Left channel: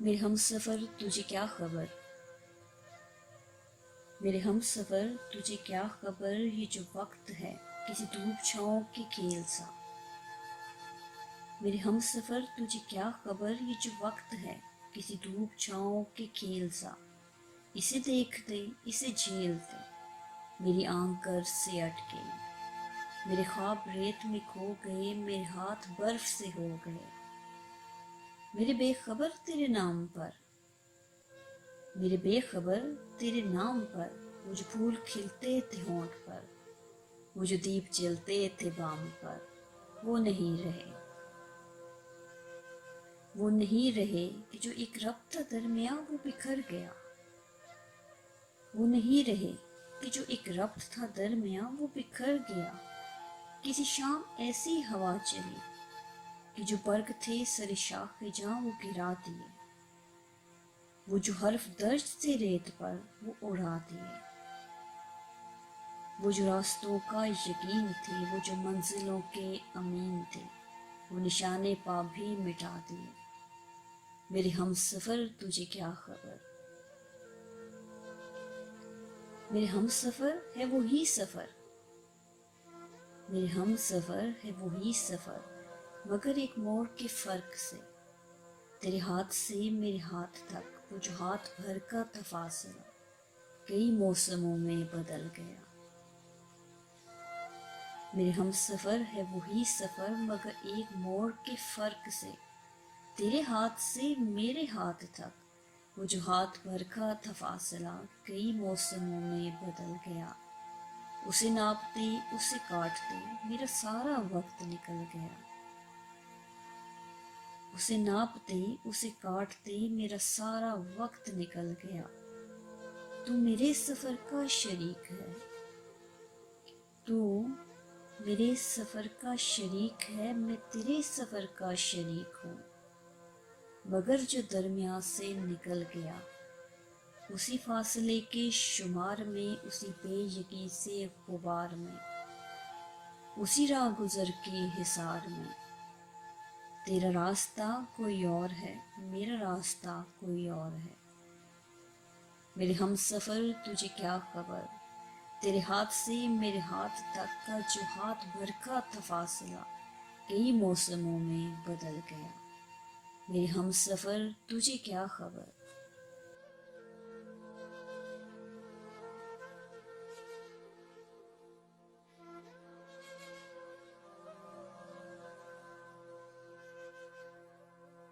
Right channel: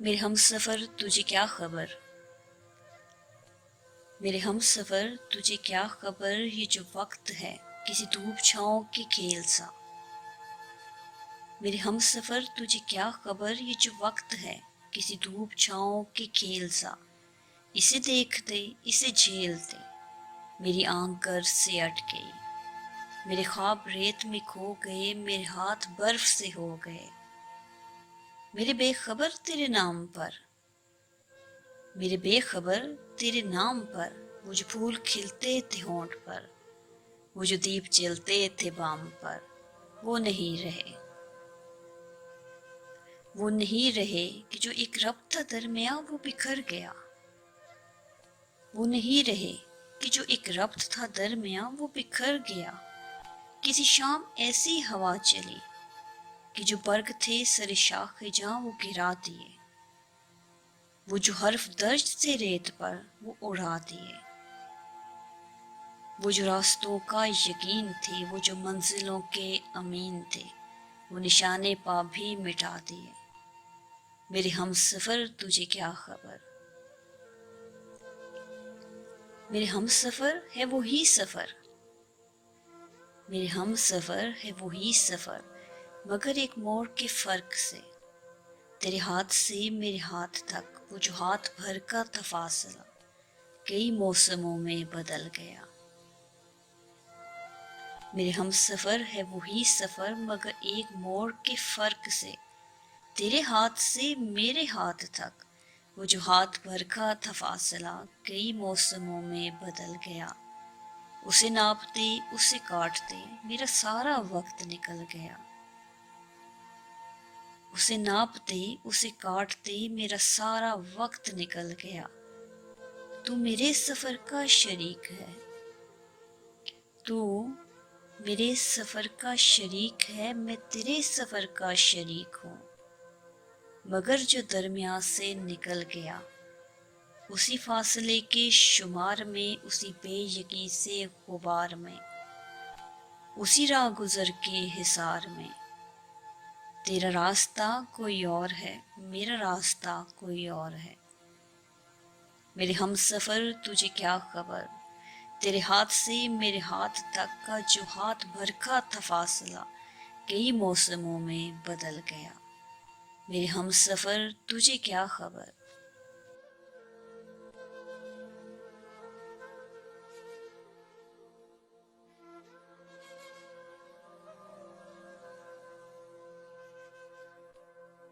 میرے ہم سفر تجھے کیا خبر، میرے ہم سفر تجھے کیا خبر، یہ جو وقت ہے کسی دھوپ چھاؤں کے کھیل سا۔ میرے ہم سفر تجھے کیا خبر، یہ جو وقت ہے کسی دھوپ چھاؤں کے کھیل سا۔ اسے دیکھتے اسے جھیلتے میری آنکھ گرج سے اٹ گئی، میرے خواب ریت میں کھو گئے، میرے ہاتھ برف سے ہو گئے۔ میرے بے خبر تیرے نام پر، میرے بے خبر تیرے نام پر، وہ جو پھول کھلتے تھے ہونٹ پر، وہ جو دیپ جلتے تھے بام پر، وہ نہیں رہے۔ وہ نہیں رہے کہ جو ایک ربط تھا درمیاں وہ بکھر گیا۔ وہ نہیں رہے کہ جو ایک ربط تھا درمیاں وہ بکھر گیا۔ کسی شام ایسی ہوا چلی کہ جو برگ تھے سر شاخ جاں وہ گرا دیے، وہ جو حرف درج تھے ریت پر وہ اڑا دیے، وہ جو راستوں کا یقین تھے، وہ جو منزلوں کے امین تھے، وہ نشانے پا بھی مٹا دیے۔ میرے ہم سفر تجھے کیا خبر، میرے ہم سفر ہے وہی سفر، میرے ہم سفر ہے وہی سفر، مگر ایک موڑ کے فرق سے۔ تیرے ہاتھ سے میرے ہاتھ تک وہ جو ہاتھ بھر کا تھا فاصلہ، کئی موسموں میں بدل گیا۔ میرے ہم سفر ہے وہی سفر، مگر ایک موڑ کے فرق سے۔ تیرے ہاتھ سے میرے ہاتھ تک وہ جو ہاتھ بھر کا تھا فاصلہ، کئی موسموں میں بدل گیا۔ اسے ناپتے اسے کاٹتے میرا سارا وقت نکل گیا، اسے ناپتے اسے کاٹتے میرا سارا وقت نکل گیا۔ تو میرے سفر کا شریک ہے، تو میرے سفر کا شریک ہے، میں تیرے سفر کا شریک ہوں، مگر جو درمیان سے نکل گیا، اسی فاصلے کے شمار میں، اسی بے یقین سے غبار میں، اسی راہ گزر کے حصار میں۔ تیرا راستہ کوئی اور ہے، میرا راستہ کوئی اور ہے۔ میرے ہم سفر تجھے کیا خبر، تیرے ہاتھ سے میرے ہاتھ تک کا جو ہاتھ بھر کا تھا فاصلہ، کئی موسموں میں بدل گیا۔ میرے ہم سفر تجھے کیا خبر۔